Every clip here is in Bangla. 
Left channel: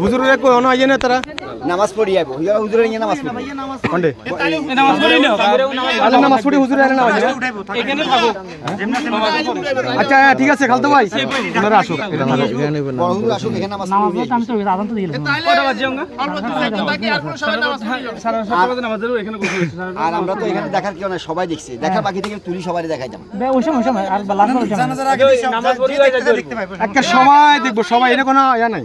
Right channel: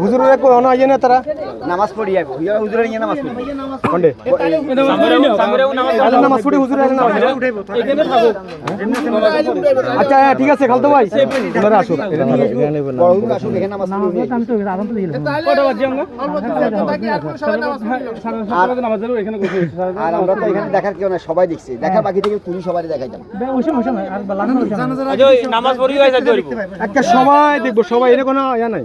হুজুরের কো অন আইয়ে না তারা? নামাজ পড়ি আইব ইয়া হুজুরের ইয়া নামাজ পড়ি। কোনডে? আজ নামাজ পড়ি হুজুরের না এখানে থাকো আচ্ছা হ্যাঁ, ঠিক আছে খালতো ভাই। তোমরা আসো এটা থাকো এখানে নেবেন না বড় হুজুর আসুন এখানে নামাজ পড়ি। আমি তো আদান তো দিলাম আর আমরা তো এখানে দেখার কেউ না সবাই দেখছি। দেখা বাকি থেকে তুলি সবাই দেখাই যাব। ওই সময় ওই সময় আর লাগানো নামাজ পড়ি একটা সময় দেখব সবাই এনে কোনো ইয়া নাই।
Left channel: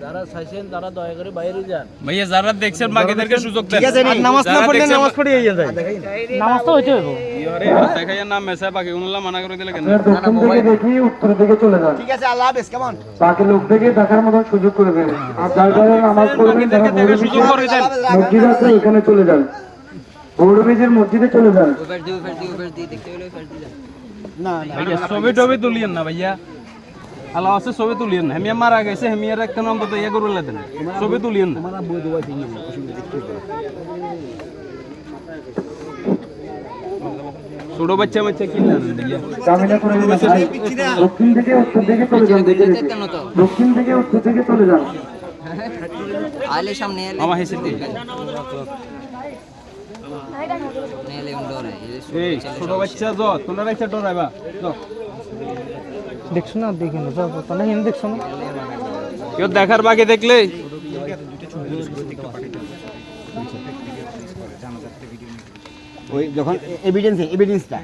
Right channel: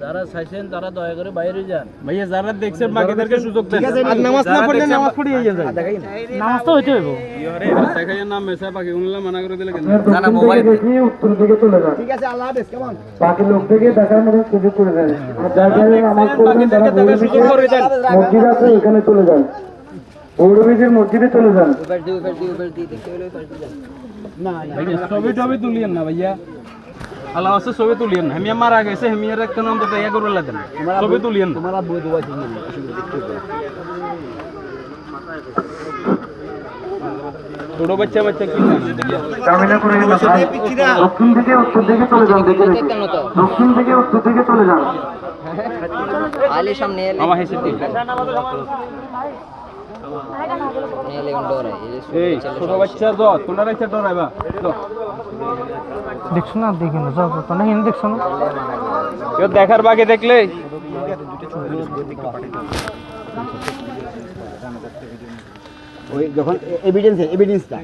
হেঁটে ভাইয়া যারা দেখছেন বাকিদেরকে সুযোগ দেন। নামাজ না পড়লে নামাজ পড়ে যায় নামাজ তো হইতে হইব। দেখাইয়া নাম মেসা বাকি উনলা মানা করে দিলে কেন? উত্তর দিকে চলে যান। ঠিক আছে আল্লাহ হাফেজ কেমন? বাকি লোকদেরকে দেখার মতো সুযোগ করে দেন। আর যারা যারা নামাজ পড়বেন তারা গৌরী সুযোগ করে দেন। মসজিদ আছে ওখানে চলে যান। গৌরবীজির মসজিদে চলে যান। ভাইয়া ছবি টবি তুলিয়েন না ভাইয়া। আল্লাহ আছে ছবি তুলিয়েন। না হেমিয়া মারা গেছে হেমিয়ার একটা নাম দিতে ইয়া করলে দেন। ছবি তুলিয়েন। তোমার বই দোয়া চিনি ছোট বাচ্চা বাচ্চা কি দক্ষিণ থেকে উত্তর দিকে চলে যান দক্ষিণ থেকে উত্তর দিকে চলে যান। আমার হিসেব দেখছ না দেখি না যাও তো না হিন্দে দেখছ না? কেউ দেখার বাকি দেখলে? ওই যখন এভিডেন্স এভিডেন্সটা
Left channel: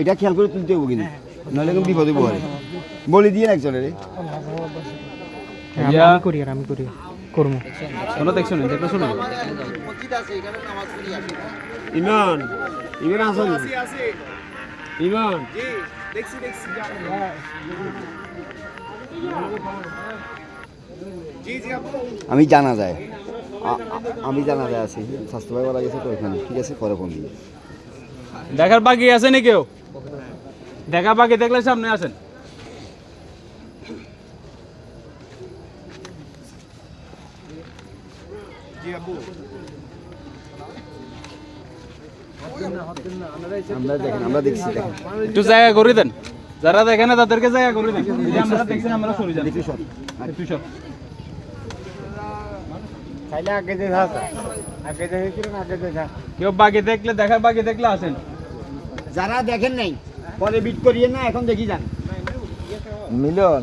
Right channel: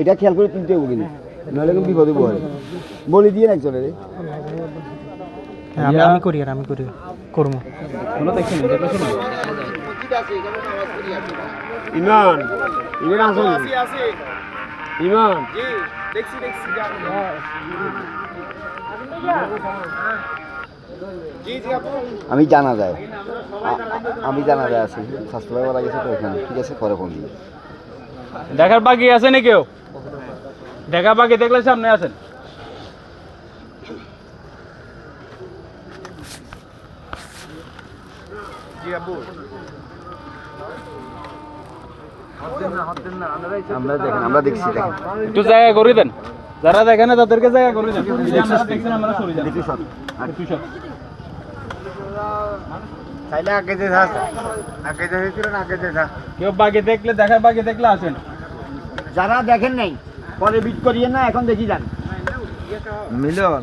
এটা খেয়াল করে তুলতে হবে কিন্তু নাহলে কিন্তু বিপদে পড়ে। বলে দিয়ে একজনের আমি আমি করি আর আমি করি করব। শোনো দেখছেন দেখো শোনো ইমান ইমান আসুন ইমান আমি জানা যায় আমি জানা যায় আছি স্বাস্থ্যবাবু লাগেছে তো ওখানে। ঠিক আছে পরে ফোন দিই দেখার বাকি আছে নি কেউ? দেখা বাকি দেখলে সামনে আছেন আমরা দেখেন আমরা দেখছি দেখেন একটু জায়গা করে দেন। যারা দেখে না তাদেরকে জায়গা করে দেন চাইলে আগে যে আগে যে আগে যে কেউ বাকি দেখলে দেখার বাকি দেখলে আসেন। যারা দেখেন নাই পরে বিট করিয়ে না এখন দেখি যান। মিলন।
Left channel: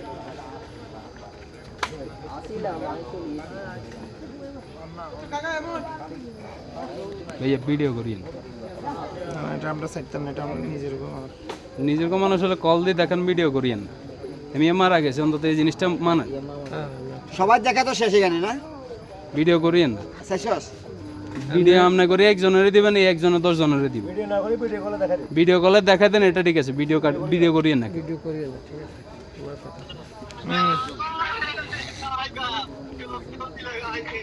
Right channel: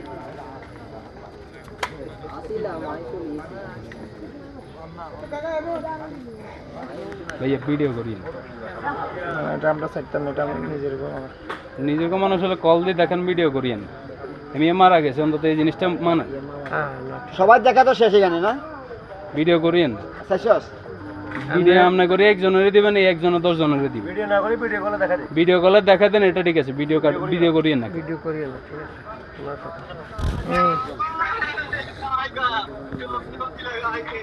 ভাইয়া ভিডিও করি না। এটা আমরা এটা আমরা নিজের নিজের মানুষ হলে কল দিয়ে দেখেন ভিডিও করিয়েন আমি মারা গেছে অন্তত এই জিনিসটা মানে। সবার দেখা তো শেষ এখানে না? ভিডিও করিয়েন শেষ ভিডিও আপনি করে একজনের দিবেন এই একজনে দশ জনের দিবেন। ভিডিও না করে ভিডিও কলে দেখা দিই। ভিডিও কলে দেখা দেন এটা ঠিক আছে ভিডিও ভিডিও করিয়েন না। ভিডিও করি তোমার लगाएगा क्यों क्यों लगाएँगे